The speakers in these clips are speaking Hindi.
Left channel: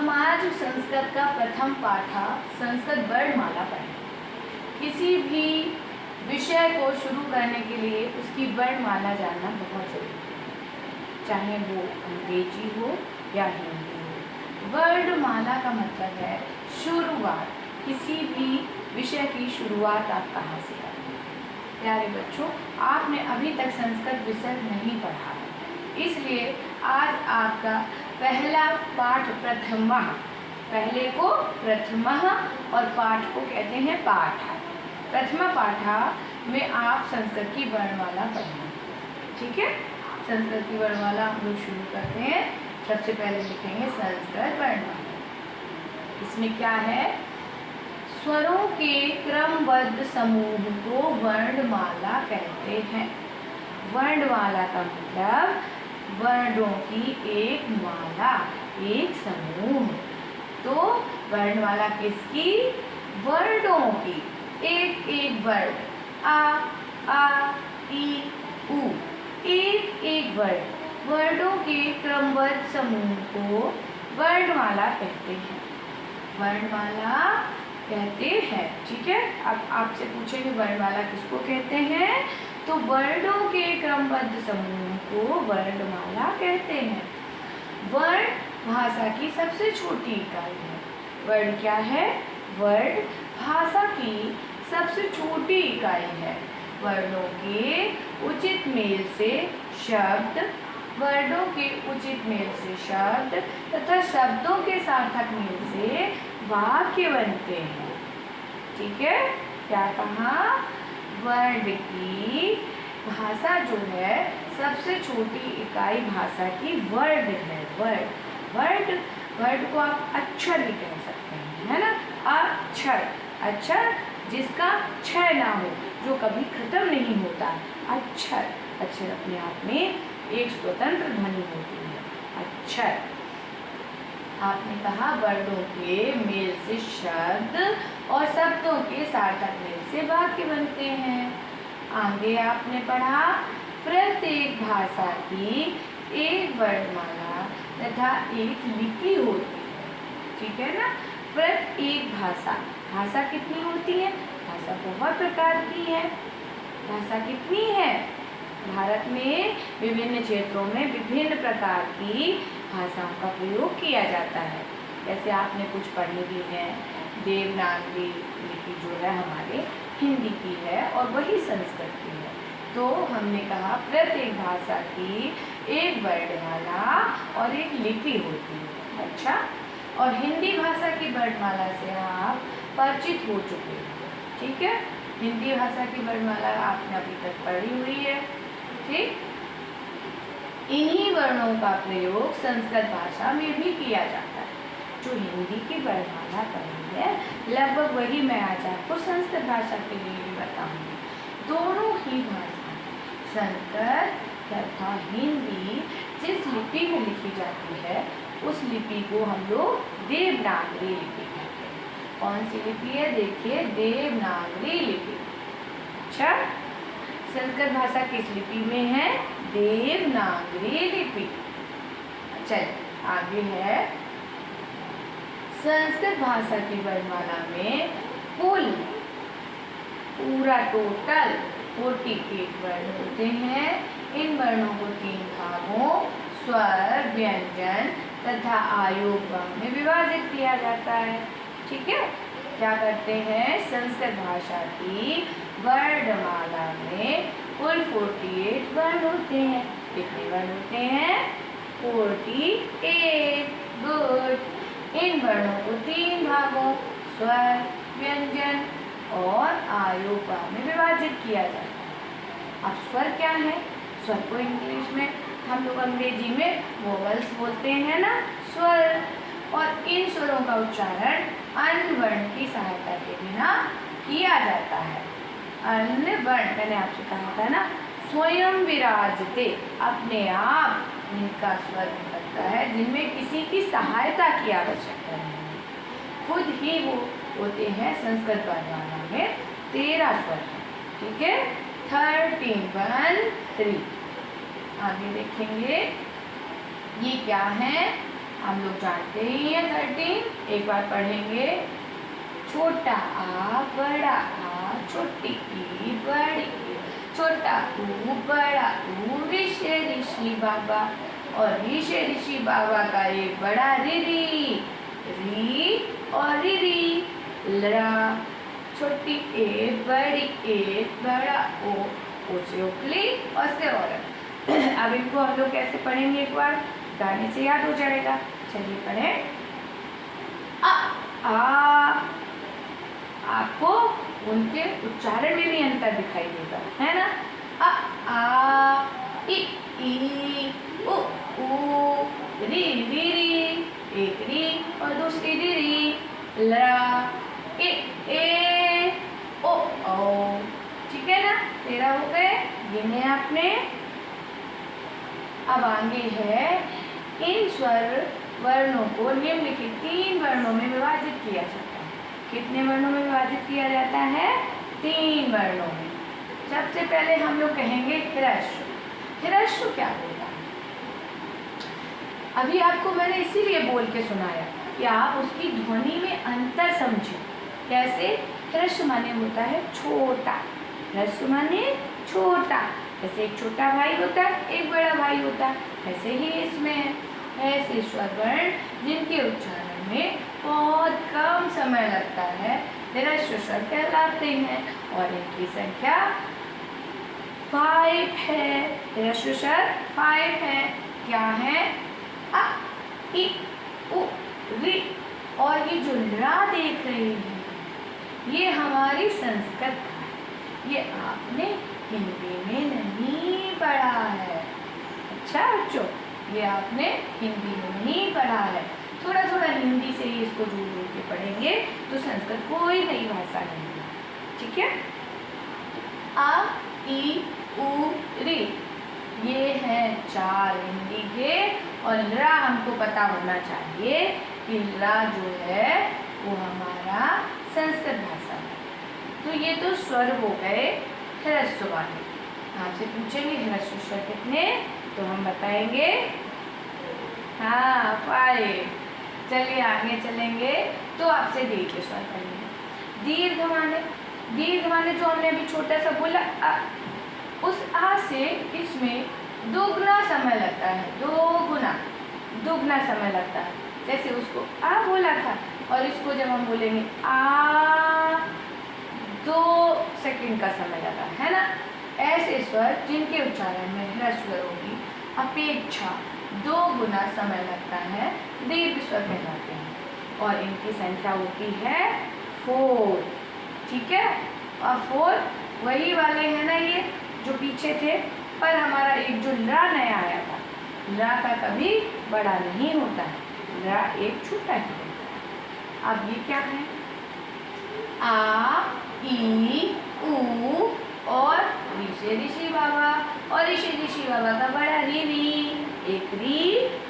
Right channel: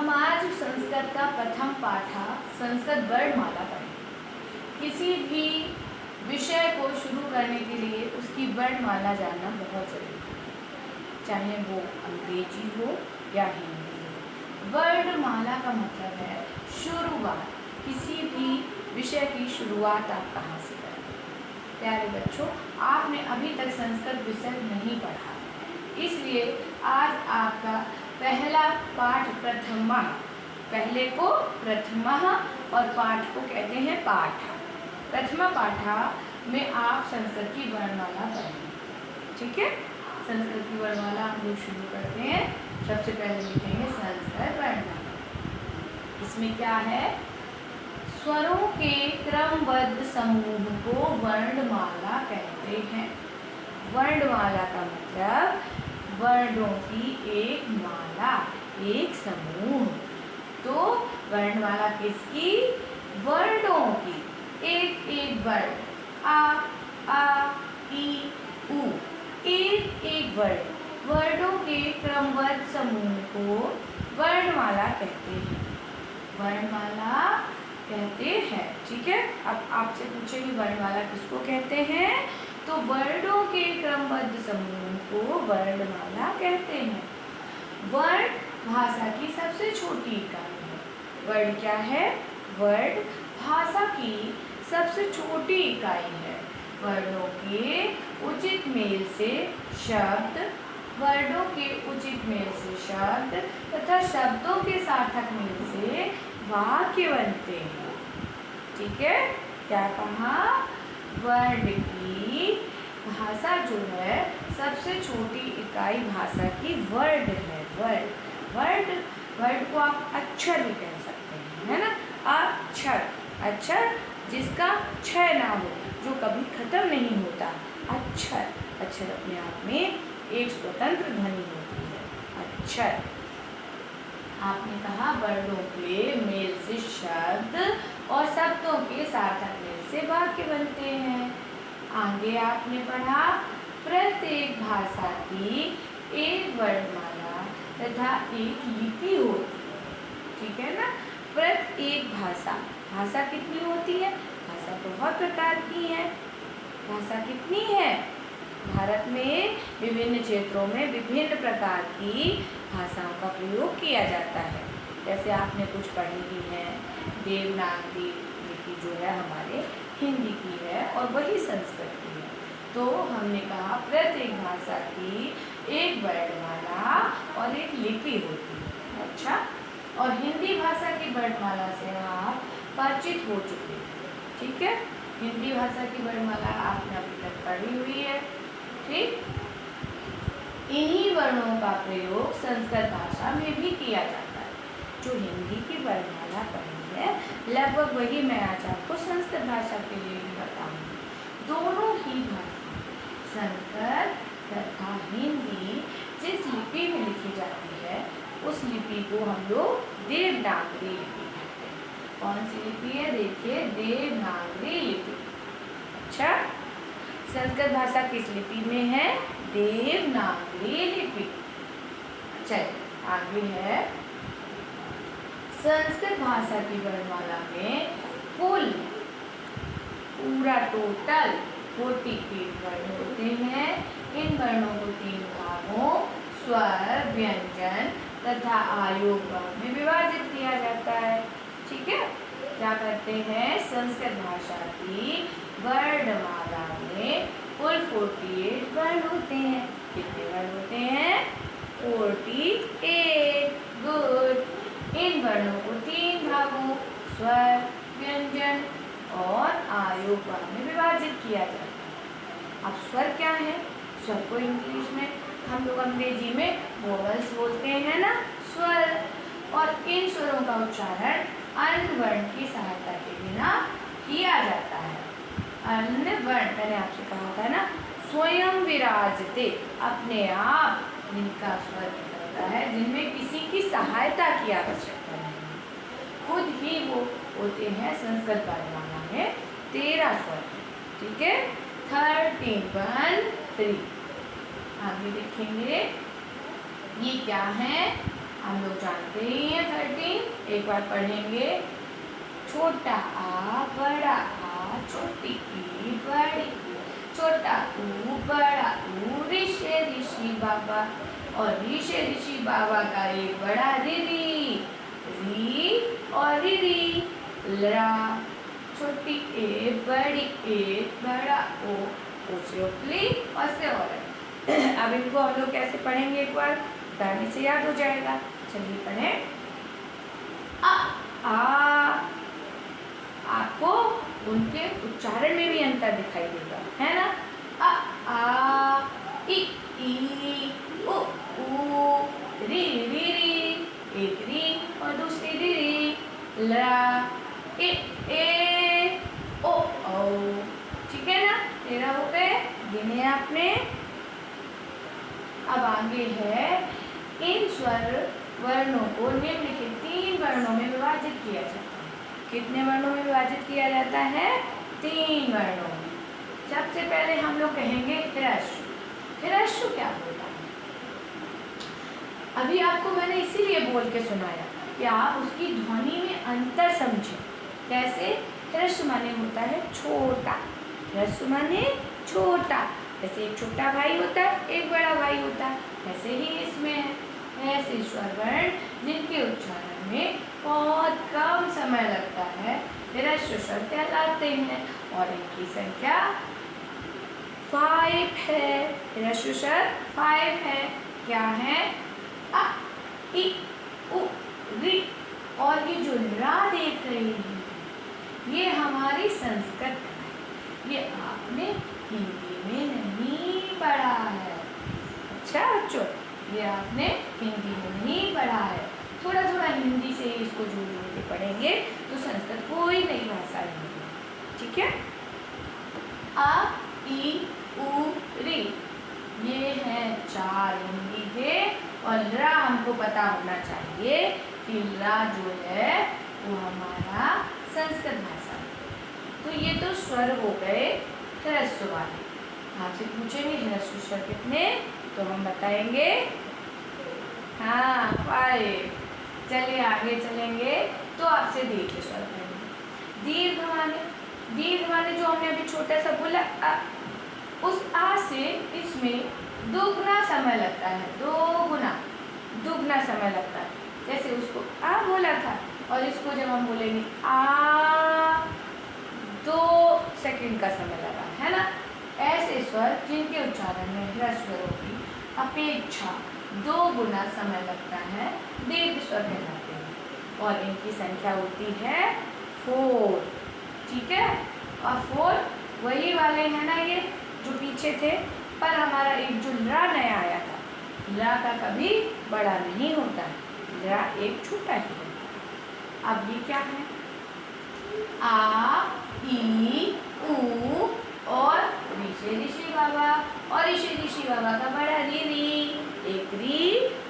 हमारा जो संस्कृत का प्रथम पाठ था संस्कृत वर्णमाला पढ़ें। किसी भी विषय को शुरू करने के लिए उसकी वर्णमाला जानना बहुत ज़रूरी है, चाहे वो अंग्रेजी हो या हिंदी हो। वर्णमाला का मतलब है शुरुआत, किसी भी विषय की शुरुआत आप कहाँ से करें। प्यारे बच्चों, आपने अभी तक संस्कृत विषय नहीं पढ़ा, इसलिए आज आपका पहला पाठ प्रथमा, पहले को प्रथमा और पाठ को कहते हैं पाठ। प्रथमा पाठा में आप संस्कृत की वर्णमाला पढ़ेंगे, ठीक है। संस्कृत की वर्णमाला हम लोग शुरू करते हैं। सबसे पहले लिखेंगे संस्कृत वर्णमाला। इसमें क्या है, स्वरों के क्रमबद्ध समूह को वर्णमाला कहते हैं। वर्णमाला का मतलब वर्णों की एक माला, एक समूह। तो वर्णमाला किसकी, वर्णों की, एक एक वर्ण, आ ई उ, एक एक वर्ण, वर्णों के क्रमबद्ध समूह को वर्णमाला कहते हैं। वर्णमाला कहते हैं, ठीक है। अब आपसे पूछेंगे वर्णमाला किसको कहते हैं, तो वर्णों के क्रमबद्ध समूह को वर्णमाला कहते हैं। वर्ण भाषा की सबसे छोटी इकाई है। वर्ण क्या है, वर्ण भाषा की सबसे छोटी इकाई है। वर्णों के उचित मेल से शब्द, वर्णों के उचित मेल से शब्द तथा शब्दों के सार्थक मेल से वाक्य बनते हैं, ठीक है। क्या कहा, वर्ण की भाषा जो है सबसे छोटी इकाई भाषा की वर्ण है। वर्ण को आप अक्षर भी कह सकते हैं, है ना। अक्षर, अक्षर जिसका क्षय ना हो, जो कभी खत्म नहीं होता। अक्षर, अक्षर अपने आप में एक स्वतंत्र ध्वनि होती है, अक्षर। आपने कहा वर्णों के मेल से शब्द और शब्दों के सार्थक मेल से वाक्य बनते हैं। आगे आपने पढ़ा प्रत्येक भाषा की एक वर्णमाला तथा एक लिपि होती है, ठीक है ना। प्रत्येक भाषा, भाषा कितनी होती है, भाषा बहुत प्रकार की है। भाषा कितनी है, भारत में विभिन्न क्षेत्रों में विभिन्न प्रकार की भाषाओं का प्रयोग किया जाता है। जैसे आपने कुछ पढ़ी भी है, देवनागरी लिपि जो है हमारे हिंदी की है और वही संस्कृत की है। तो हमने कहा प्रत्येक भाषा की एक वर्णमाला और एक लिपि होती है, अच्छा। और हिंदी भाषा की वर्णमाला से आप परिचित हो चुके हैं, ठीक है। हिंदी भाषा की वर्णमाला आपने अभी तक पढ़ी हुई है, ठीक। इन्हीं वर्णों का प्रयोग संस्कृत भाषा में भी किया जाता है। जो हिंदी की वर्णमाला पढ़ी है लगभग वही मैं आज आपको संस्कृत भाषा के लिए भी बताऊंगी। दोनों ही भाषा संस्कृत तथा हिंदी जिस लिपि में लिखी जाती है उस लिपि को हम लोग देवनागरी लिपि कहते हैं। कौन सी लिपि है, देखिए देवनागरी लिपि, अच्छा। संस्कृत भाषा किस लिपि में है, देवनागरी लिपि। चलिए आगे है, संस्कृत भाषा की वर्णमाला में कुल पूरा टोटल 48 वर्ण होते हैं। इन वर्णों को 3 भागों स्वर, व्यंजन तथा आयोग में विभाजित किया जाता है, ठीक है। क्या करते हैं, संस्कृत भाषा की वर्णमाला में कुल 48 वर्ण होते हैं। कितने वर्ण होते हैं, 48, गुड। इन वर्णों को 3 भागों स्वर, व्यंजन और आयोग में विभाजित किया जाता है। अब स्वर क्या है, स्वर को इंग्लिश में हम लोग अंग्रेजी में वोवल्स बोलते हैं ना, स्वर। और इन स्वरों का उच्चारण अन्य वर्ण की सहायता के बिना किया जाता है। अन्य वर्ण मैंने आपसे कहा था ना, स्वयं विराजते, अपने आप इनका स्वर निकलता है, जिनमें किसी की सहायता की आवश्यकता नहीं है, खुद ही वो होते हैं। संस्कृत वर्णमाला में 13 स्वर, ठीक है, 13, 1, 3। आगे देखेंगे ये क्या है, हम लोग जानते ही हैं 13। एक बार पढ़ेंगे। छोटा आ बड़ा आ छोटी ई बड़ी ई, छोटा ऊ बड़ा ऊ ऋषि बाबा, और ऋषि बाबा का एक बड़ा री और री लड़ा, छोटी ए बड़ी ए बड़ा ओ से उपली और से औरत। अब इनको हम लोग कैसे पढ़ेंगे, एक बार गाने से याद हो जाएगा। चलिए पढ़ें। आ आपको उनके उच्चारण में भी अंतर दिखाई देगा, है ना। आ ई उ री एक री और दूसरी री ला ए ओ ठीक है ना। 13 हो गए, गिने आपने। अब आगे है, इन स्वर वर्णों को निम्नलिखित 3 वर्णों में विभाजित किया जाता है। कितने वर्णों में विभाजित किया जाता है? 3 वर्णों में। सबसे पहले हम लोग कहेंगे ह्रस्व। ह्रस्व क्या होता है? अभी आपको मैंने इसीलिए बोल के सुनाया कि आप उसकी ध्वनि में अंतर समझें। कैसे? ह्रस्व माने होता है छोटा, ह्रस्व माने छोटा। जैसे एक छोटा भाई होता है, एक बड़ा भाई होता है, ऐसे ही इसमें ऐसे स्वर वर्ण जिनके उच्चारण में बहुत कम समय लगता है ह्रस्व स्वर कहलाते हैं, और इनकी संख्या 5 है। ह्रस्व स्वर 5 है। क्या है? अ इ उ री, और ये जो रा देख रहे हैं ये हमारी संस्कृत का है, ये आपने हिंदी में नहीं पढ़ा है। अच्छा बच्चों, ये आपने हिंदी में नहीं पढ़ा है। थोड़ा थोड़ा हिंदी से ही इसको जोड़ जोड़ के पढ़ेंगे तो संस्कृत कोई नई भाषा नहीं है। ठीक है। आ ई उ री ये हैं 4 हिंदी के, और रा हमको पता होना चाहिए कि रा जो है वो हमारा संस्कृत भाषा है। तो ये तो स्वर हो गए ह्रस्व वाले। आपसे पूछेंगे ह्रस्व स्वर कितने, तो हम बताएंगे हाँ 5। चलिए आगे चलेंगे तो आपसे दीर्घ स्वर पढ़ेंगे। दीर्घ माने जो हमने अभी छोटा सा बोला उस आ से इसमें दोगुना समय लगता है, दोगुना समय लगता है। जैसे उसको आ बोला था और इसको जब हम बोलेंगे आ 2 सेकंड का समय लगा, है ना। ऐसे स्वर जिनके उच्चारण में ह्रस्व स्वरों की अपेक्षा 2 गुना समय लगता है दीर्घ स्वर कहलाते हैं, और इनकी संख्या होती है 4। ठीक है। और 4 वही वाले हैं ना ये जो पीछे थे, पर हमारा एक जो रा नया आया था, रा का कभी बड़ा नहीं होता है, रा एक छोटा ही रहता है। अब ये क्या है? आ ई उ और ऋषि बाबा, और ऋषि बाबा का बड़ा री, एक री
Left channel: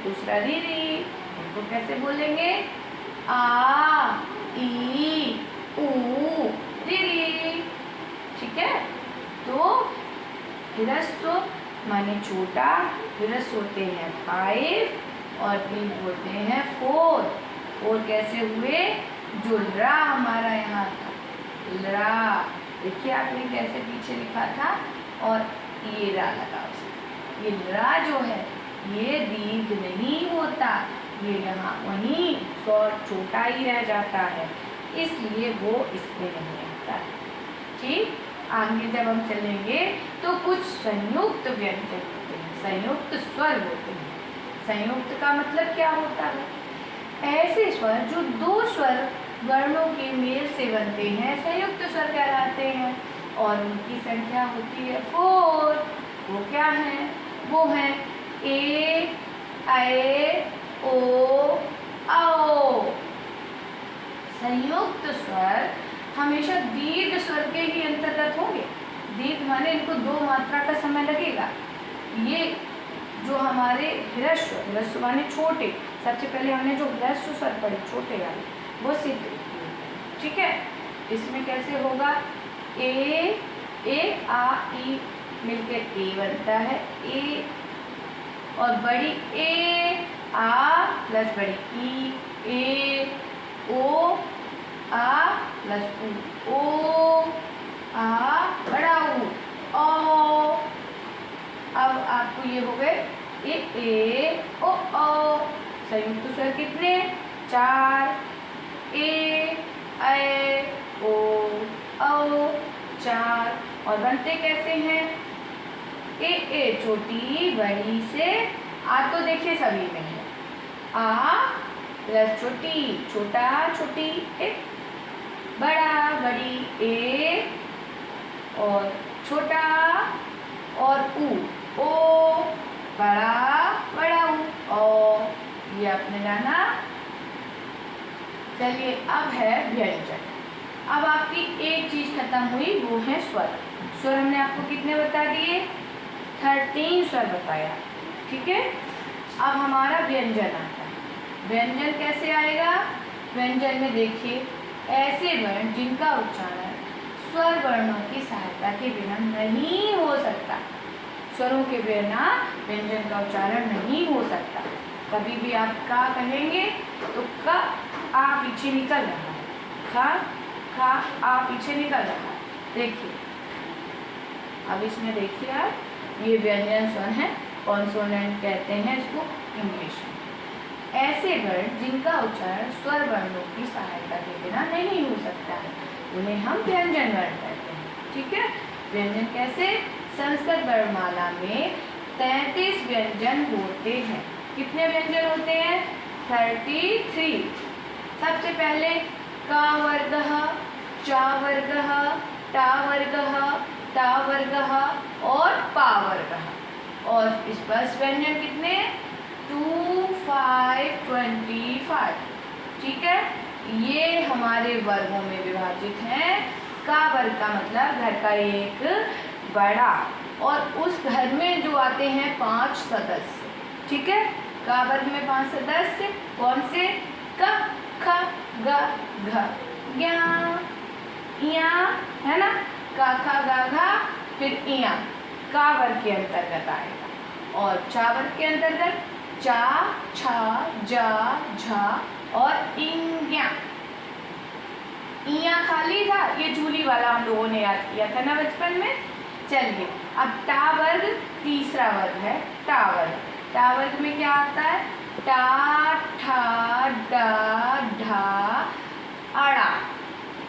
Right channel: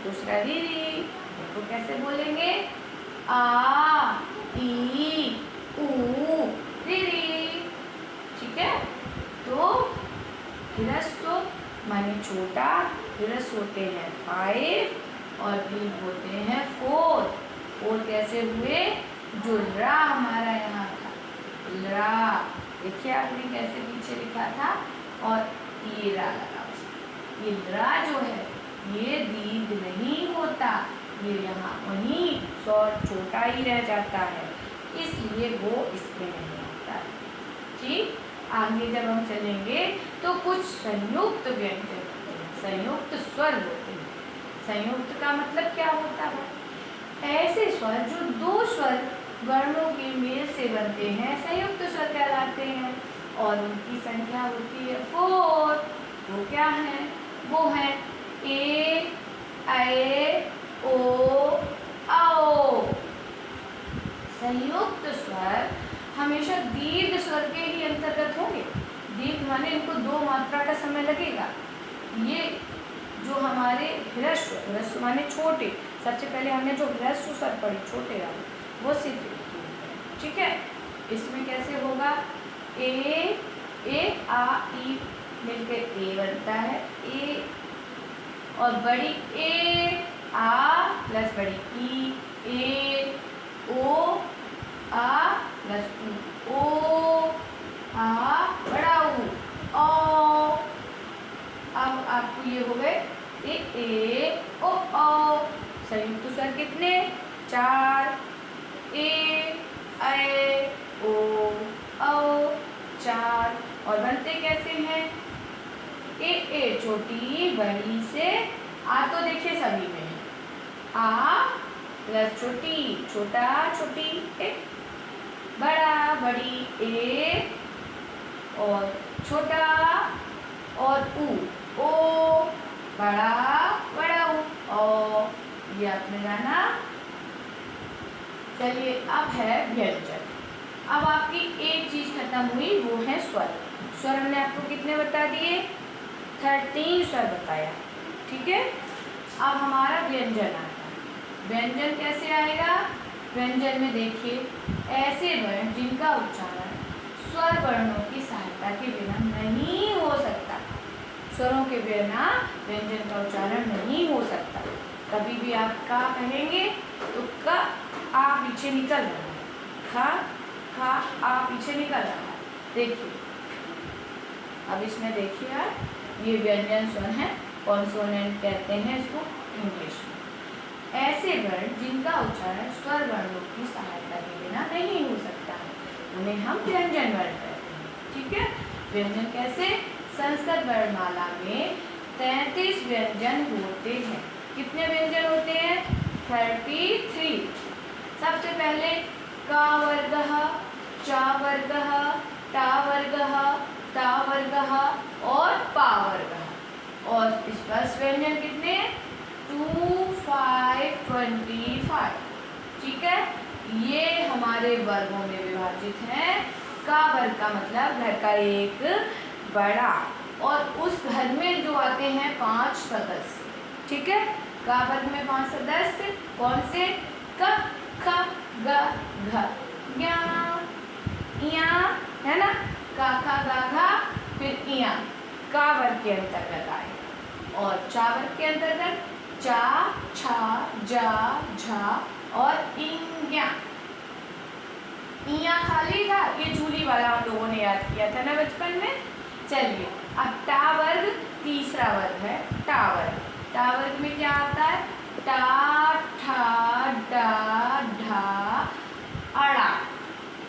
दूसरा री। इनको कैसे बोलेंगे? आ ई उ री। ठीक है। तो ह्रस्व माने छोटा, ह्रस्व होते हैं 5 और दीर्घ होते हैं 4। 4 कैसे हुए? जो रा हमारा यहाँ था, रा देखिए आपने कैसे पीछे लिखा था, और ये रा लगा उसमें। ये रा जो है ये दीर्घ नहीं होता, ये यहाँ वहीं स्वर छोटा ही रह जाता है, इसलिए वो इसमें नहीं आता है। ठीक। आगे जब हम चलेंगे तो कुछ संयुक्त व्यंजन होते हैं, संयुक्त स्वर होते हैं। संयुक्त का मतलब क्या होता है? ऐसे स्वर जो 2 स्वर वर्णों के मेल से बनते हैं संयुक्त स्वर कहलाते हैं, और उनकी संख्या होती है 4। वो क्या है? वो है ए ऐ ओ औ। संयुक्त स्वर हमेशा दीर्घ स्वर के ही अंतर्गत होंगे। दीर्घ माने इनको 2 मात्रा का समय लगेगा। ये जो हमारे ह्रस्व माने छोटे, सबसे पहले हमने जो ह्रस्व स्वर पढ़े छोटे वाले वो सिर्फ, ठीक है। इसमें कैसे होगा? ए आ ई मिलकर ए बनता है, ए, और बड़ी ए आ प्लस बड़ी ई, ए ओ आ प्लस ऊ, ओ आ बड़ा ऊ, ओ। अब आपको ये हो गए ए ओ संयुक्त स्वर कितने? 4, ए ओ 4। और बनते कैसे हैं? ए छोटी बड़ी से आ तो देखिए सभी में है, आ प्लस छोटी छोटा छोटी ए, बड़ा बड़ी ए और छोटा और ऊ, ओ बड़ा बड़ा ऊ, ओ। ये आपने जाना। चलिए अब है व्यंजन। अब आपकी एक चीज खत्म हुई, वो है स्वर। स्वर हमने आपको कितने बता दिए? 13 स्वर बताया, ठीक है। अब हमारा व्यंजन आता है। व्यंजन कैसे आएगा? व्यंजन में देखिए ऐसे वर्ण जिनका उच्चारण स्वर वर्णों की सहायता के बिना नहीं हो सकता। स्वरों के बिना व्यंजन का उच्चारण नहीं हो सकता। कभी भी आप का कहेंगे तो का आ पीछे निकल रहा है, खा आ पीछे निकल रहा है। देखिए अब इसमें देखिए आप, ये व्यंजन स्वर है, कॉन्सोनेंट कहते हैं इसको इंग्लिश में। ऐसे वर्ण जिनका उच्चारण स्वर वर्णों की सहायता के बिना नहीं हो सकता है, उन्हें हम व्यंजन वर्ण कहते हैं, ठीक है। व्यंजन कैसे? संस्कृत वर्णमाला में 33 व्यंजन होते हैं। कितने व्यंजन होते हैं? 33। सबसे पहले का वर्गः, चा वर्गः, टा वर्गः, ता वर्गः और पा वर्गः। और स्पर्श व्यंजन कितने? 2, 5, 25, ठीक है। ये हमारे वर्गों में विभाजित हैं। का वर्ग का मतलब घर का एक बड़ा, और उस घर में जो आते हैं 5 सदस्य, ठीक है। का वर्ग में 5 सदस्य कौन से? क, ख, ग, घ, ज्ञ, इया, है ना। का, खा, गा, घा, फिर इया का वर्ग के अंतर्गत आएगा। और चा वर्ग के अंतर्गत चा, छा, जा, झा और इंज्ञा। इया खाली था, ये झूली वाला हम लोगों ने याद किया था ना बचपन में। चलिए अब टा वर्ग तीसरा वर्ग है, टा वर्ग। टा वर्ग में क्या आता है? टा, ठा, डा, ढा, अड़ा।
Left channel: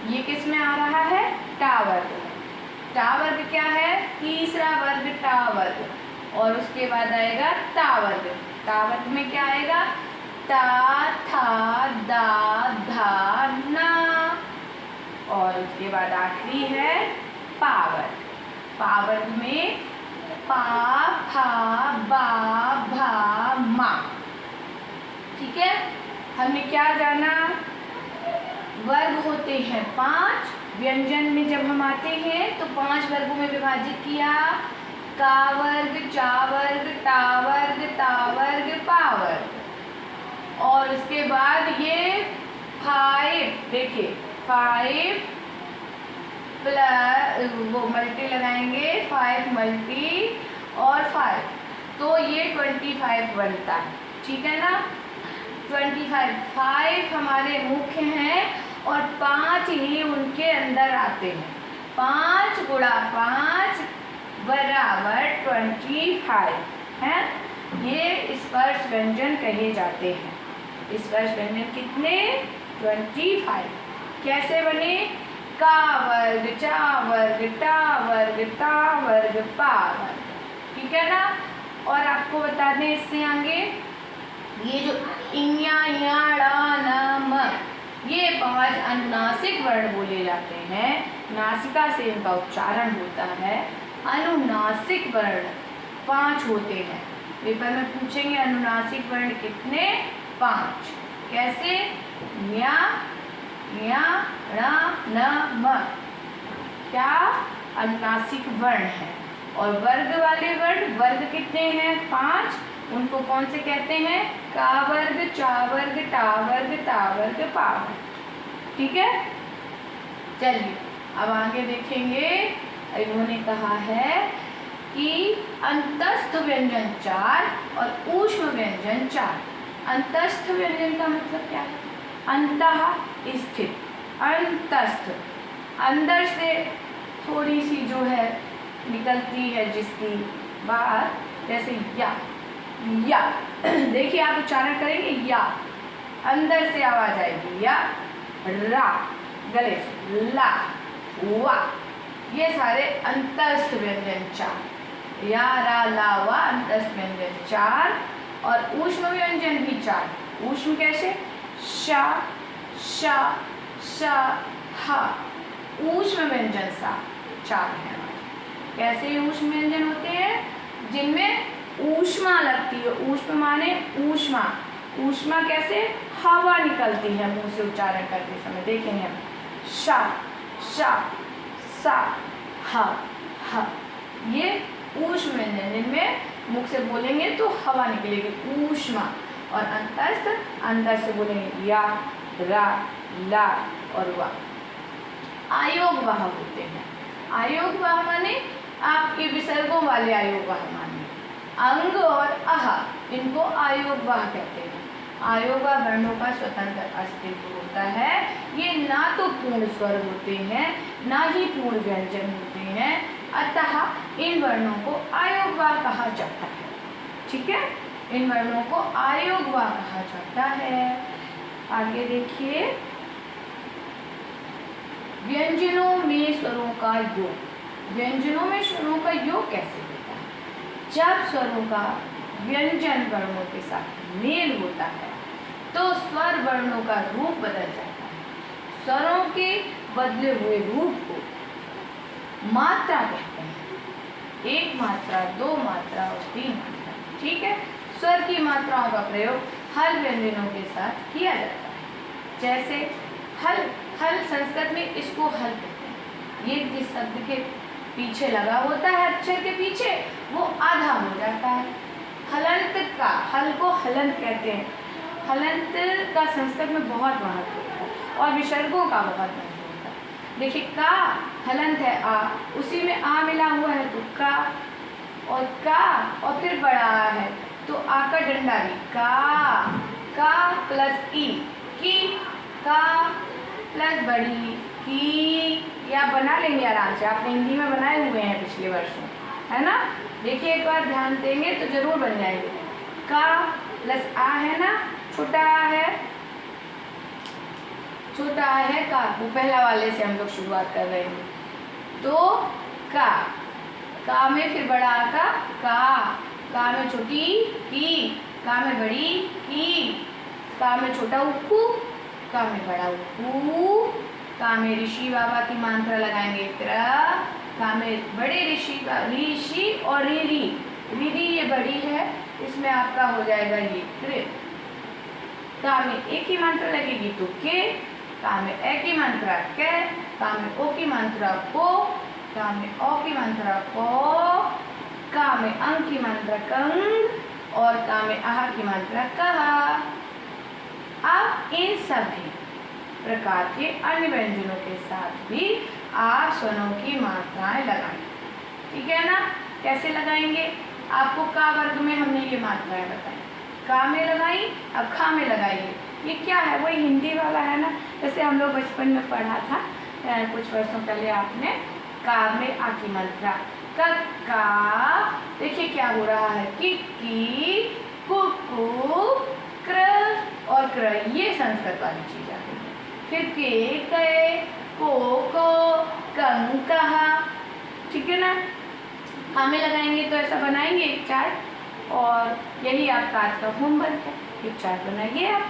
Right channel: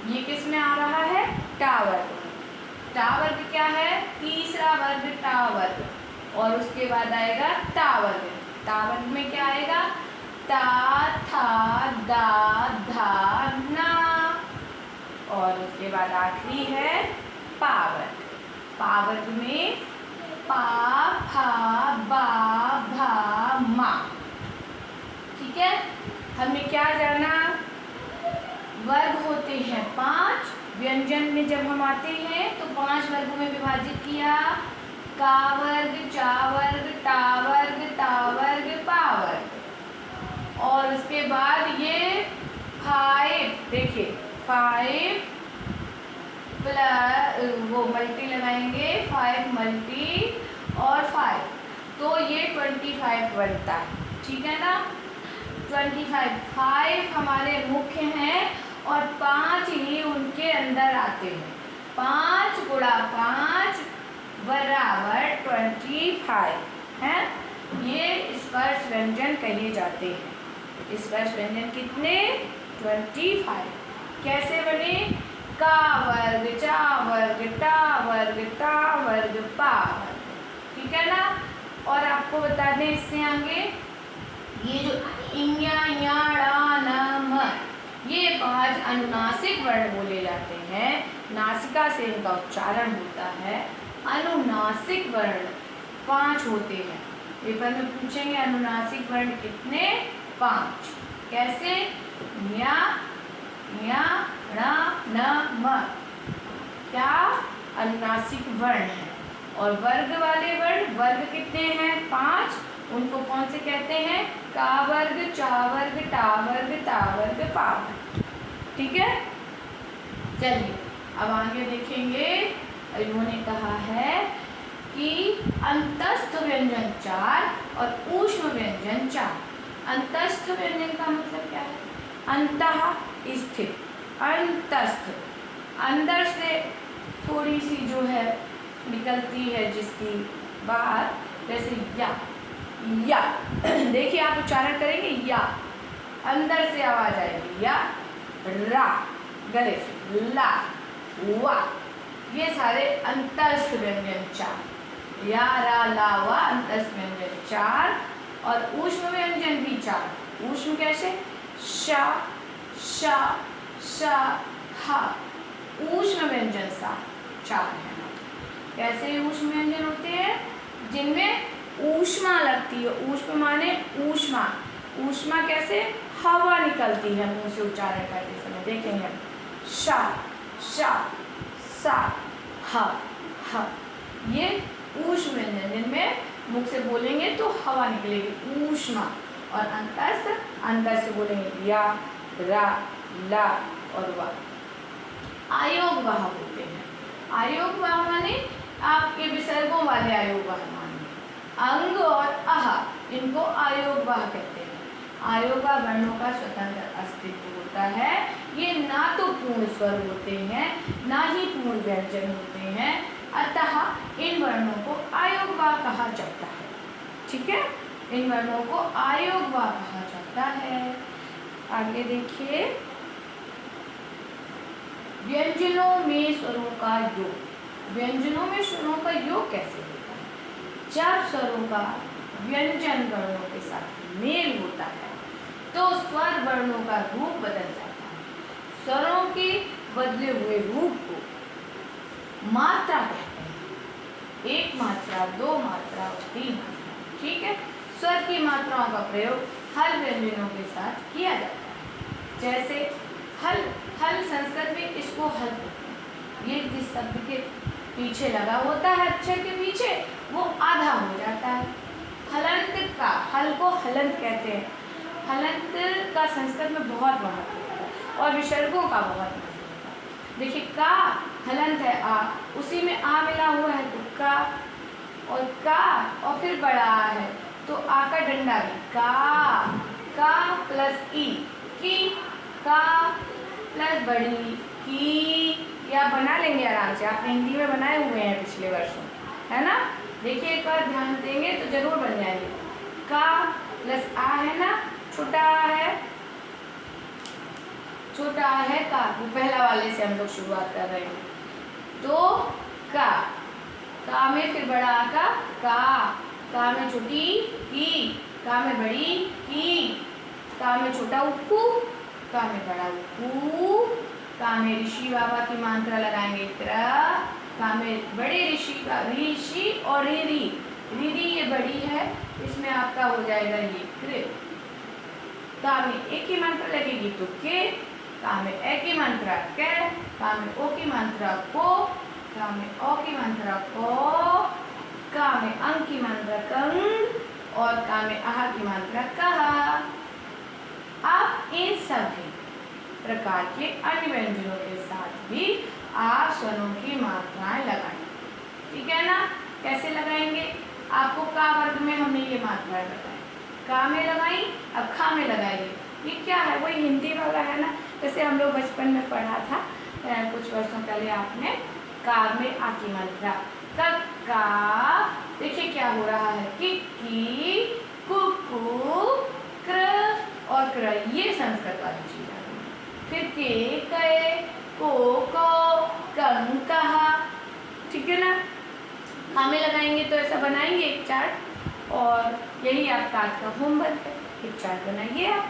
ये किस में आ रहा है? टा वर्ग में। टा वर्ग क्या है? तीसरा वर्ग टा वर्ग। और उसके बाद आएगा ता वर्ग। ता वर्ग में क्या आएगा? ता, था, दा, धा, ना। और उसके बाद आखिरी है पा वर्ग। पा वर्ग में पा, फा, बा, भा, मा, ठीक है। हमने क्या जाना? वर्ग होते हैं 5। व्यंजन में जब हम आते हैं तो 5 वर्गों में विभाजित किया। का वर्ग, चा वर्ग, टा वर्ग, ता वर्ग, पा वर्ग। और उसके बाद ये 5, देखिए 5 प्लस वो मल्टी लगाएंगे, 5 मल्टी और 5, तो ये 25 बनता है, ठीक है ना। 25, 5 हमारे मुख्य हैं और 5 ही उनके अंदर आते हैं। 5 गुणा 5 बराबर 25 है। ये स्पर्श व्यंजन कहे जाते हैं। स्पर्श व्यंजन कितने? 25। कैसे बने? का वर्ग, चा वर्ग, टा वर्ग, ता वर्ग, पा वर्ग, ठीक है ना। और आपको बता दें इससे आगे, ये जो इया, या, ड़ा, न, म, ये 5 अनुनासिक वर्ण बोले जाते हैं। नासिका से इनका उच्चारण होता है। अनुनासिक वर्ण 5 होते हैं। पेपर में पूछेंगे अनुनासिक वर्ण कितने? 5। कैसे? या, ण, न, म, क्या अनुनासिक वर्ण है। और वर्ग वाले वर्ण, वर्ग कितने हैं? 5। उनको कौन से कहते हैं? का वर्ग, चा वर्ग, टा वर्ग, ता वर्ग, पा वर्ग, ठीक है। चलिए अब आगे देखेंगे। इन्होंने कहा है कि अंतस्थ व्यंजन 4 और ऊष्म व्यंजन 4। अंतस्थ व्यंजन का मतलब क्या है? अंतः स्थित, अंतस्थ, अंदर से थोड़ी सी जो है निकलती है जिसकी बात, जैसे या देखिए आप उच्चारण करेंगे या, अंदर से आवाज आएगी या, रा गले से, ला, वा, ये सारे अंतस्थ व्यंजन 4, या, रा, ला, वा अंतस्थ व्यंजन 4। और ऊष्म व्यंजन भी 4। ऊष्म कैसे? शा, शा, शा, हा, ऊष्म व्यंजन 4 है। कैसे ऊष्म व्यंजन होते हैं? जिनमें ऊष्मा लगती है। ऊष्म माने ऊष्मा, ऊष्मा कैसे? हवा निकलती है मुंह से उच्चारण करते समय। देखेंगे हम, शा, शा, सा, हा, हा, ये ऊष्म व्यंजन, जिनमें मुख से बोलेंगे तो हवा निकलेगी, ऊष्मा। और अंतस्थ, अंदर से बोलेंगे या, रा, ला और वा। आयोगवाह होते हैं। आयोगवाह माने आपके विसर्गों वाले आयोगवाह माने अंग और अह, इनको आयोगवाह कहते हैं। आयोगवाह वर्णों का स्वतंत्र अस्तित्व होता है। ये ना तो पूर्ण स्वर होते हैं, ना ही पूर्ण व्यंजन होते हैं, अतः इन वर्णों को आयोगवाह कहा जाता है। ठीक है, इन वर्णों को आयोगवाह कहा जाता है। आगे देखिए, व्यंजनों में स्वरों का योग। व्यंजनों में स्वरों का योग कैसे होता है? जब स्वरों का व्यंजन वर्णों के साथ मेल होता है तो स्वर वर्णों का रूप बदल जाता है। स्वरों के बदले हुए रूप को मात्रा कहते हैं। 1 मात्रा, 2 मात्रा और 3 मात्रा। ठीक है, स्वर की मात्राओं का प्रयोग हल व्यंजनों के साथ किया जाता है। जैसे हल, हल संस्कृत में इसको हल कहते हैं। ये जिस शब्द के पीछे लगा होता है, अक्षर के पीछे, वो आधा हो जाता है। हलंत का, हल को हलंत कहते हैं। हलंत का संस्कृत में बहुत महत्व होता है और विसर्गों का बहुत महत्व होता है। देखिए, का हलंत है आ, उसी में आ मिला हुआ है तो का, और का और फिर बड़ा आ है तो आ का डंडा भी का प्लस ई, की, का प्लस बड़ी की, या बना लेंगे आराम से। आपने हिंदी में बनाए हुए हैं पिछले वर्षों, है ना? देखिए, एक बार ध्यान देंगे तो जरूर बन जाएंगे। का प्लस आ है ना, छोटा आ है, छोटा आ है का, वो पहला वाले से हम लोग शुरुआत कर रहे हैं। तो का में फिर बड़ा आ का में छोटी की, का में बड़ी की, का में छोटा उप्पू, का में बड़ा उप्पू, का में ऋषि बाबा की मात्रा लगाएंगे क्र, का में बड़े ऋषि और रीरी ये बड़ी है, इसमें आपका हो जाएगा ये कृ। का में एक की मात्रा लगेगी तो के, का में ए की मात्रा के, का में ओ की मात्रा को, का में ओ की मात्रा को, का में अंग की मात्रा कंग और का में आह की मात्रा कहा। अब इन सभी प्रकार के अन्य व्यंजनों के साथ भी आप स्वरों की मात्राएं लगाएं। ठीक है ना? कैसे लगाएंगे? आपको का वर्ग में हमने ये मात्राएं बताई। का में लगाई, अब खा में लगाइए। ये क्या है? वही हिंदी वाला है ना, जैसे हम लोग बचपन में पढ़ा था कुछ वर्षों पहले आपने, का में आ की मात्रा का। देखिए क्या हो रहा है, कि कुकु क्र और क्र, ये संस्कृत वाली चीज आ गई। फिर के कए, को कं कहा। ठीक है ना? हमें लगाएंगे तो ऐसा बनाएंगे एक चार्ट, और यही आपका आज का होमवर्क है। एक चार्ट बनाइए आप।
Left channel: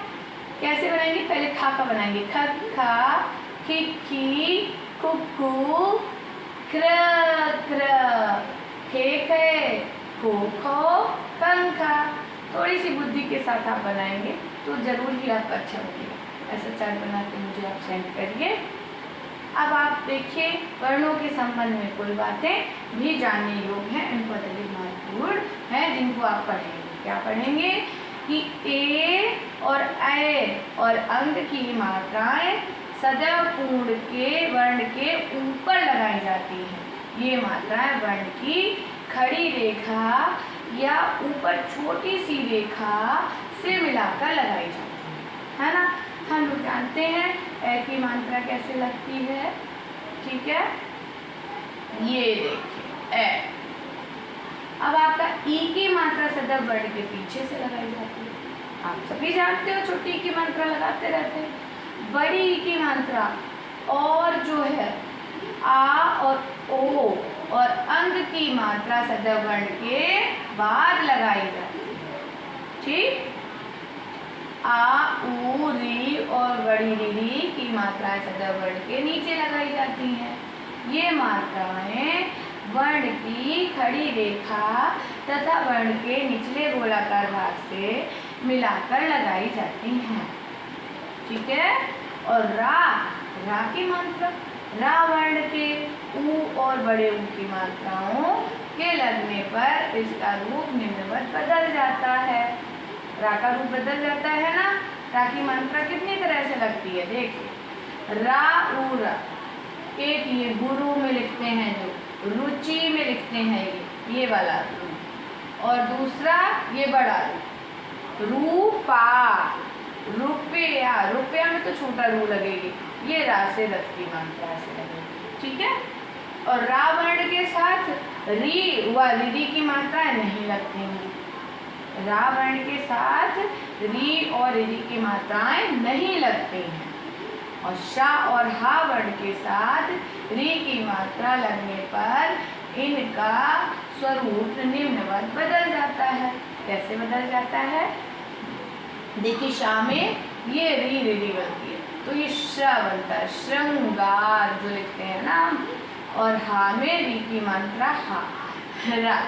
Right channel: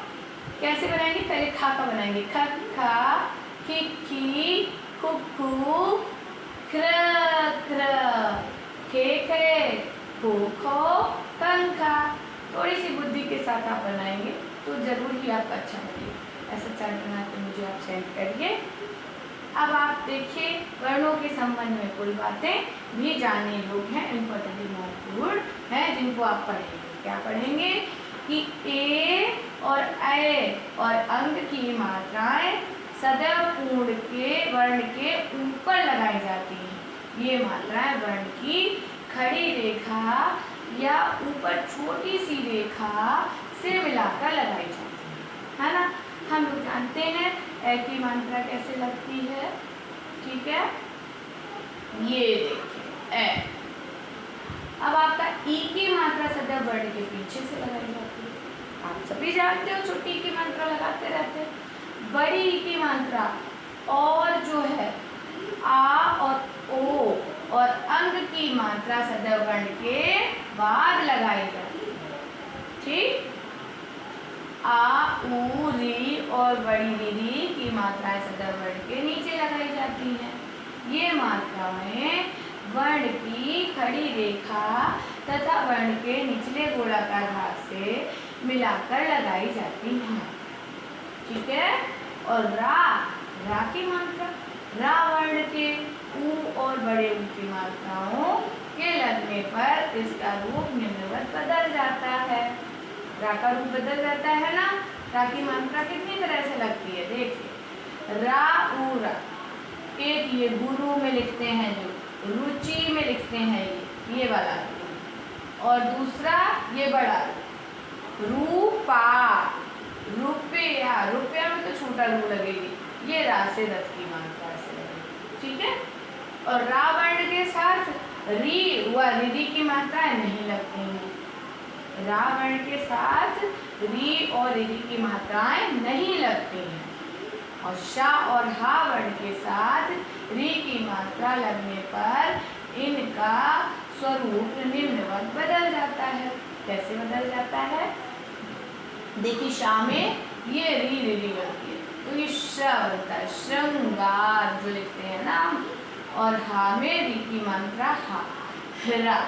कैसे बनाएंगे? पहले खा का बनाएंगे, ख खा, खी कुकु क्र क्र, खे खे, खो खो, पंखा। थोड़ी सी बुद्धि के साथ आप बनाएंगे तो जरूर ही आपका अच्छा लगेगा। ऐसा चार्ट बना के मुझे आप सेंड करिए। अब आप देखिए, वर्णों के संबंध में कुल बातें भी जानने योग्य हैं, इम्पोर्टेंट महत्वपूर्ण हैं, जिनको आप पढ़ेंगे। क्या पढ़ेंगे? कि ए और ए और अंग की मात्राएं सदैव पूर्ण के वर्ण के ऊपर लगाई जाती हैं। ये मात्राएं वर्ण की खड़ी रेखा या ऊपर छोटी सी रेखा से मिलाकर लगाई जाती है ना। हम लोग जानते हैं ए की मात्रा कैसे लगती है, ठीक है, ये देखिए ए। अब आपका ई की मात्रा सदैव वर्ण के पीछे से लगाई जाती है। आप सभी जानते हो छोटी ई की मात्रा लगाते रहते हैं। बड़ी ई की मात्रा और जो है आ और ओ और अंग की मात्रा सदैव वर्ण के बाद लगाई जाती है, ठीक। आ ऊ री और बड़ी री की मात्राएं सदैव वर्ण के नीचे लगाई जाती हैं। ये मात्राएं वर्ण की खड़ी रेखा तथा वर्ण के निचले गोलाकार भाग से मिलाकर लगाई जाती हैं, ठीक है। और रा की मात्रा, रा वर्ण के ऊ और बड़े ऊ की मात्राओं के लगने पर इसका रूप निम्नवत बदल जाता है। रा का रूप बदल जाता है ना। रा की मात्रा कितनी तरह से लगती है, देखिए, रा ऊ रा। एक ये गुरु में लिखते हैं, जो रुचि में लिखते हैं, ये वाला रू। और दूसरा ये बड़ा रूपा, रुपया, रुपया में तो छोटा रू लगेगी, ये रा से रथ की मात्रा से लगेगी, ठीक है। और रा वर्ण के साथ री व री की मात्राएं नहीं लगती हैं। रा वर्ण के साथ री और री की मात्राएं नहीं लगती हैं। और शा और हा वर्ण के साथ री की मात्रा लगने पर इनका स्वरूप निम्नवत बदल जाता है। कैसे बदल जाता है, देखिए, शा में ये री बनती है तो ये श्र बनता है, श्रृंगार जो लिखते हैं ना। और हा में री की मात्रा हा, हरा,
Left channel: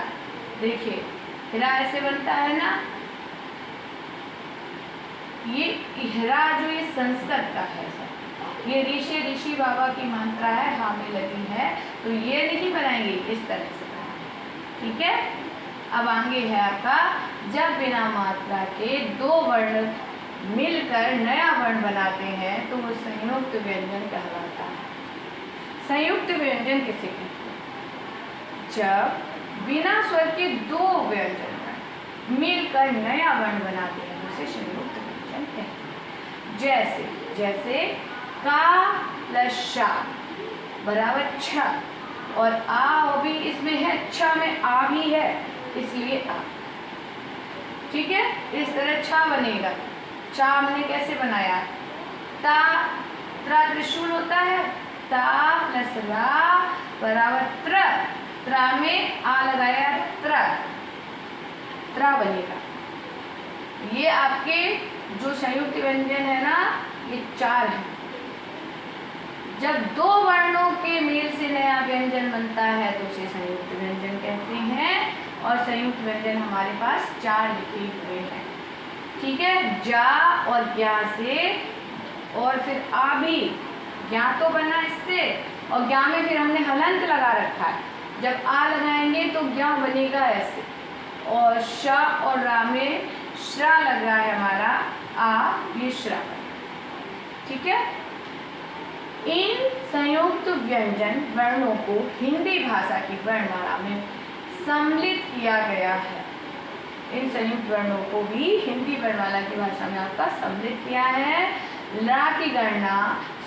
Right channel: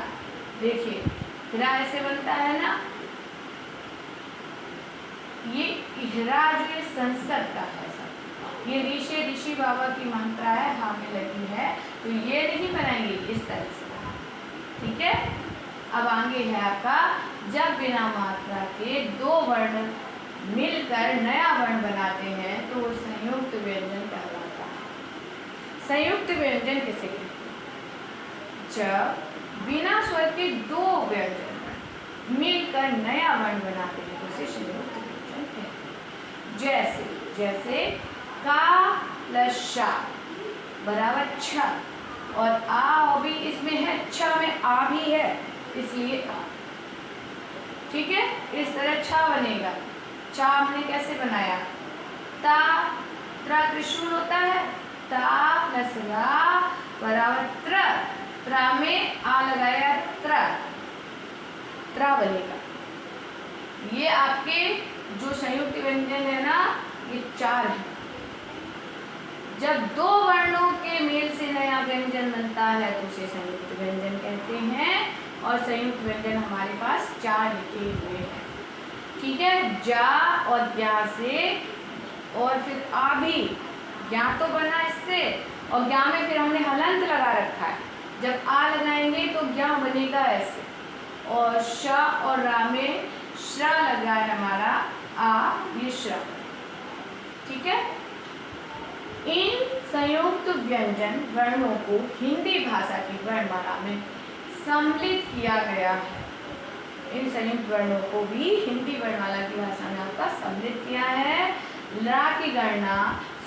देखिए हरा ऐसे बनता है ना। ये इहरा जो ये संस्कृत का है, ये ऋषि ऋषि बाबा की मात्रा है, हा में लगी है, तो ये नहीं बनाएंगे, इस तरह से, ठीक है। अब आगे है आपका, जब बिना मात्रा के दो वर्ण मिलकर नया वर्ण बनाते हैं तो वो संयुक्त व्यंजन कहलाता है। संयुक्त व्यंजन किसे कहते हैं, जब बिना स्वर के दो व्यंजन मिलकर नया वर्ण बनाते हैं तो उसे संयुक्त व्यंजन कहते हैं। जैसे जैसे का प्लस शा बराबर छ, और आ भी इसमें है, छ में आ भी है, इसलिए आ, ठीक है। इस तरह छा बनेगा। चा हमने कैसे बनाया, ता, त्रा त्रिशूल होता है, ता प्लस रा बराबर त्र, त्रा में आ लगाया, त्र, त्रा बनेगा। ये आपके जो संयुक्त व्यंजन है ना, ये चार है। जब दो वर्णों के मेल से नया व्यंजन बनता है तो उसे संयुक्त व्यंजन कहते हैं। और संयुक्त व्यंजन हमारे पास चार लिखे हुए हैं, ठीक है। जा और ज्ञा से, और फिर आ भी, ज्ञा तो बना इससे, और ज्ञा में फिर हमने हलंत लगा रखा है। जब आ लगाएंगे तो ज्ञा बनेगा ऐसे, और श और रा में श्रा लगा है हमारा, आ, ये श्रा, ठीक है। इन संयुक्त व्यंजन वर्णों को हिंदी भाषा की वर्णमाला में सम्मिलित किया गया है। इन संयुक्त वर्णों को भी हिंदी वर्णमाला की भाषा में आपका सम्मिलित किया है। ला की गणना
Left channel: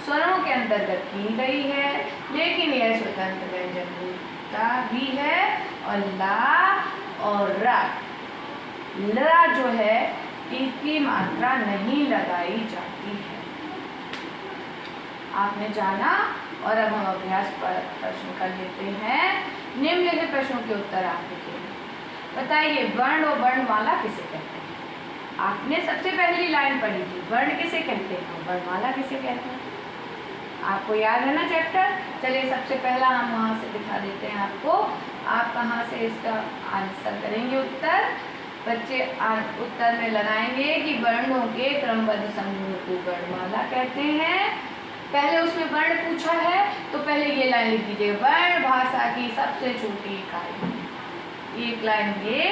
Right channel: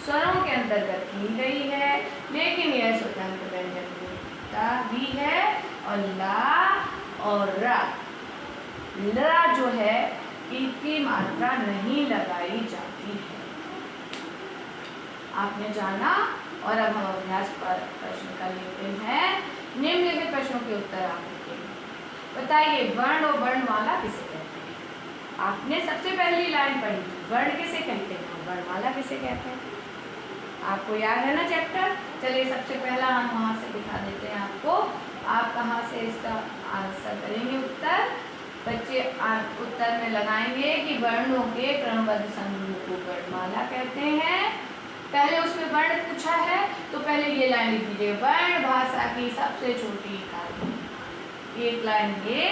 स्वरों के अंतर्गत की गई है, लेकिन यह स्वतंत्र व्यंजन होता भी है। और ला और रा, ला जो है इनकी मात्रा नहीं लगाई जाती है। आपने जाना, और अब हम अभ्यास पर प्रश्न कर लेते हैं। निम्नलिखित प्रश्नों के उत्तर आप लिखेंगे। बताइए, वर्ण और वर्णमाला किसे कहते हैं। आपने सबसे पहली लाइन पढ़ी थी, वर्ण किसे कहते हैं, वर्णमाला किसे कहते हैं। आपको याद है ना चैप्टर। चलिए सबसे पहला हम वहाँ से दिखा देते हैं आपको। आप कहाँ से इसका आंसर करेंगे उत्तर। बच्चे उत्तर में लगाएंगे कि वर्णों के क्रमबद्ध समूह को वर्णमाला कहते हैं। पहले उसमें वर्ण पूछा है तो पहले ये लाइन लिख दीजिए, वर्ण भाषा की सबसे छोटी इकाई। एक लाइन ये,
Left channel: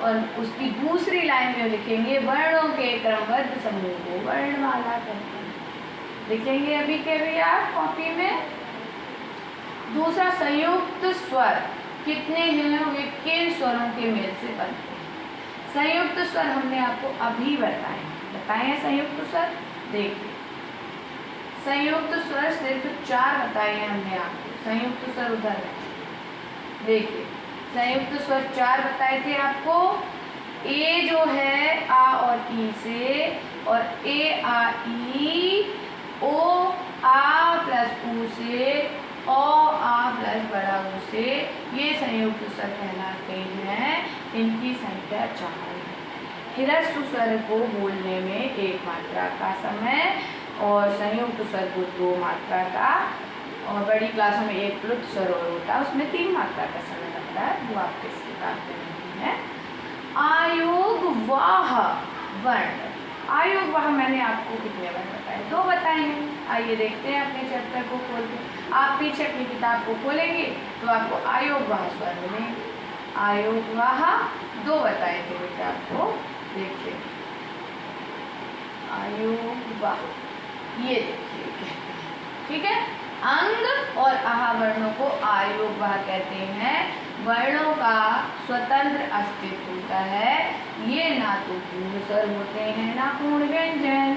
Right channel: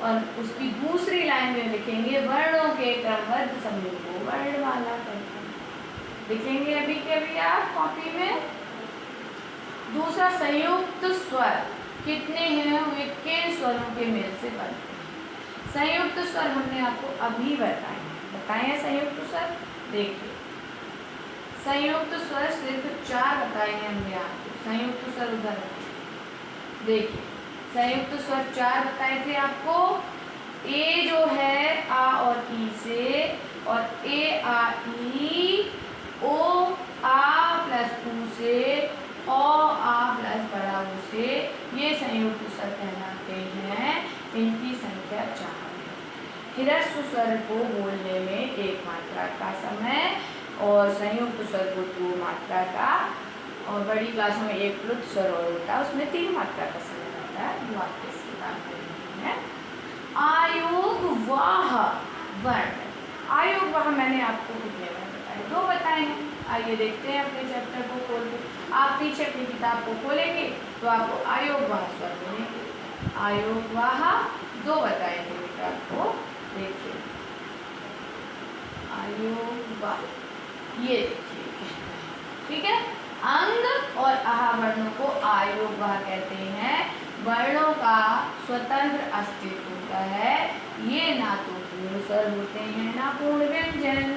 और उसकी दूसरी लाइन में लिखेंगे वर्णों के क्रमबद्ध समूह को वर्णमाला कहते हैं। लिखेंगे अभी के अभी आप कॉपी में। दूसरा, संयुक्त स्वर कितने हैं, वे किन स्वरों के मेल से बनते हैं। संयुक्त स्वर हमने आपको अभी बताए हैं संयुक्त स्वर। देखिए संयुक्त स्वर सिर्फ 4 बताए हैं हमने आपको। संयुक्त स्वर उधर देखिए, संयुक्त स्वर 4 बताए थे आपको। ए जो है आ और ई से, और ए आ ई, ओ आ प्लस ऊ से, ओ आ प्लस बड़ा ऊ से, ये संयुक्त स्वर कहलाते हैं। इनकी संख्या 4 है। ह्रस्व स्वर को बोलने में 1 मात्रा का समय और संयुक्त स्वर को 2 मात्रा का, और बड़ी क्लासों में 1 प्लुत स्वर और होता है, उसमें 3 मात्रा का समय लगता है। वो आपके इस किताब में नहीं है। आयोगवाह वर्ण। आयोगवाह मैंने आपको कितने वर्ण बताए? 2 बताए हैं। आइए देखते हैं अपने चैप्टर को खोल के। आप पीछे अपनी किताब को खोलेंगे तो आपको आयोगवाह स्वर मिलेंगे। आयोगवाह 2 बताए थे बेटा आपको। देखिए आयोगवाह, ये देखिए, ठीक है। अंग और आहा वर्णों को आयोगवाह कहते हैं। वर्णों का स्वतंत्र अस्तित्व होता है। ये ना तो पूर्ण स्वर होते हैं ना पूर्ण व्यंजन।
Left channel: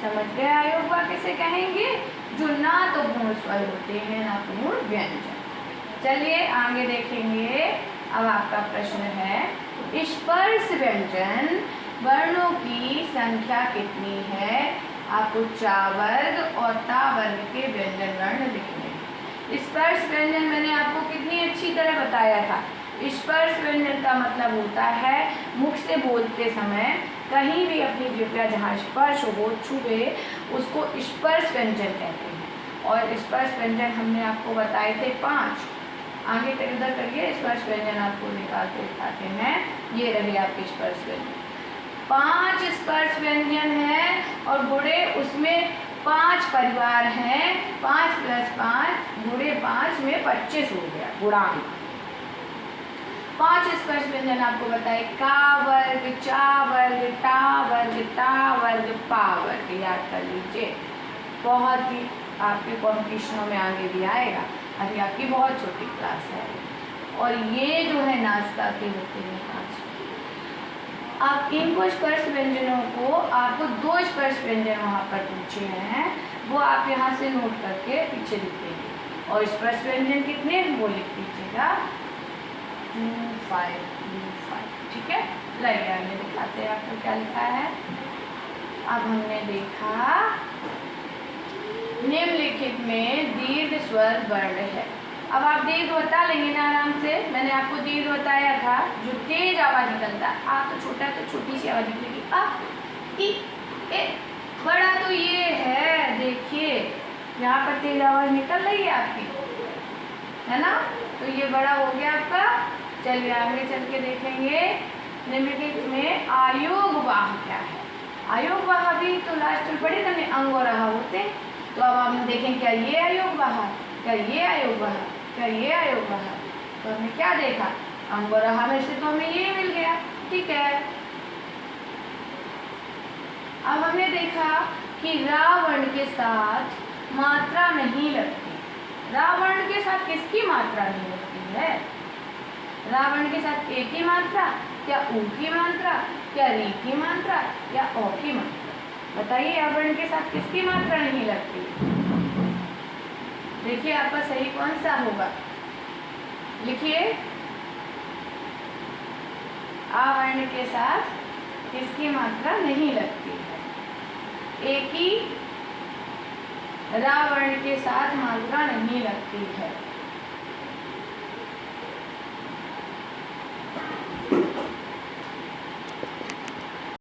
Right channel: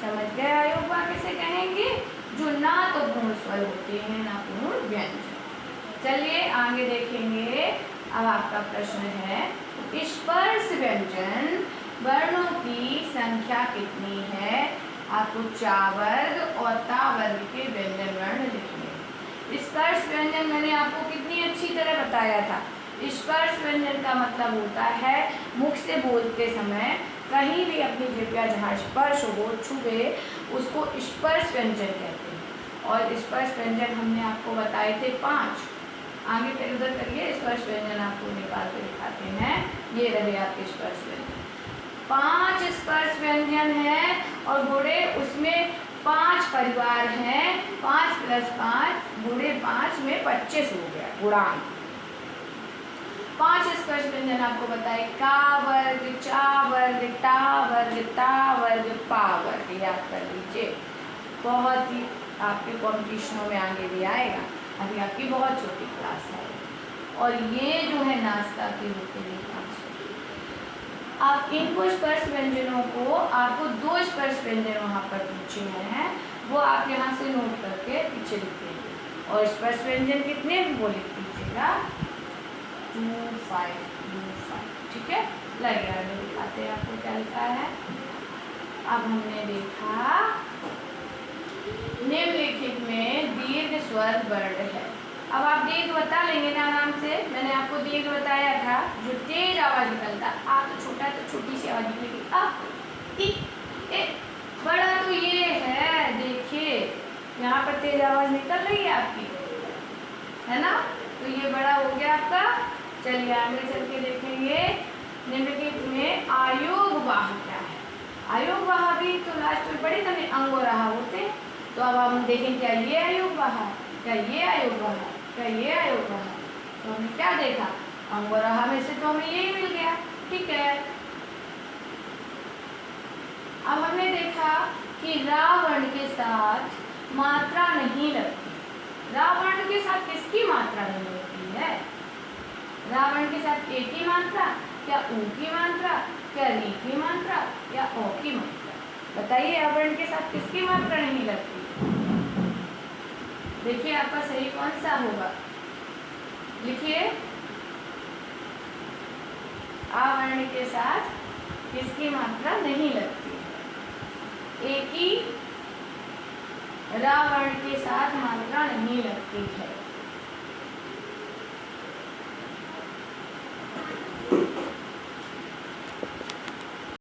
समझ गए आयोगवाह किसे कहेंगे? जो ना तो पूर्ण स्वर होते हैं ना पूर्ण व्यंजन। चलिए आगे देखेंगे। अब आपका प्रश्न है, स्पर्श व्यंजन वर्णों की संख्या कितनी है? आपको चा वर्ग और ता वर्ग के व्यंजन वर्ण लिखने हैं। स्पर्श व्यंजन मैंने आपको कितनी अच्छी तरह बताया था। स्पर्श व्यंजन का मतलब होता है मुख से बोलते समय कहीं भी अपनी जिह्वा जहाँ स्पर्श हो, छुए, उसको स्पर्श व्यंजन कहते हैं। और स्पर्श व्यंजन हमने आपको बताए थे 5। आगे तक उधर करिए, स्पर्श व्यंजन आपको निकाल के दिखाते हैं। ये रहे आपके स्पर्श व्यंजन। 5 स्पर्श व्यंजन है और गुणे उसमें 5 परिवार हैं। 5 + 5 गुणे 5 में 25 हो गया गुणांक। 5 स्पर्श व्यंजन आपको बताए। का वर्ग, चा वर्ग, टा वर्ग, ता वर्ग, पा वर्ग। याद कर लीजिए, बहुत ही आपके कॉम्पिटिशनों में आगे भी आएगा। अभी आपकी बहुत छोटी क्लास है। और ये जो है नाश्ता के होते हैं 500। आप इनको स्पर्श व्यंजनों को आपको 2 स्पर्श व्यंजन वहाँ पर पूछे हैं, वो आप यहाँ से नोट करके पीछे लिख देंगे। और स्पर्श व्यंजन कितने वो लिख दीजिएगा 2, 5, 2, 5। ठीक है, लाइए आगे दिखाते हैं आपको क्या लिखा है। अब हमने देखा निम्नलिखित में दीर्घ स्वर वर्ण है। अब आप दीर्घ बता लेंगे ना आराम से। मैंने आपको दीर्घ बताया था, जो तेज आवाज निकलता है। आ तो छोटा तो छोटी सी आवाज निकलेगी, आ, ई, ए। बड़ा तो ये है, देखिए यहाँ पर तेज आवाज निकल रही है आपकी, है ना। तो ये बड़ा हो गया आपका। चलिए आगे चल के देखेंगे निम्नलिखित में आयोगवाह क्या है। आयोगवाह भी तो लास्ट में बड़े तने अंग और आहा होते हैं। तो अब हम देखें, क्या ये आयोगवाह, क्या ये आयोगवाह, क्या ये आयोगवाह। तो हमने क्या देखा, अंग और आहा में से तो हमें ये मिल गया। ठीक है, अब हमने देखा कि रा वर्ण के साथ मात्रा नहीं लगती। रा वर्ण के साथ किसकी मात्रा नहीं लगती है? रा वर्ण के साथ ए की मात्रा, क्या ऊ की मात्रा, क्या री की मात्रा, या ओ की मात्रा। बताइए रा वर्ण के साथ किसकी मात्रा नहीं लगती? देखिए आपका सही कौन सा होगा, लिखिए। आ वर्ण के साथ किसकी मात्रा नहीं लगती है? ए की रा वर्ण के साथ मात्रा नहीं लगती है।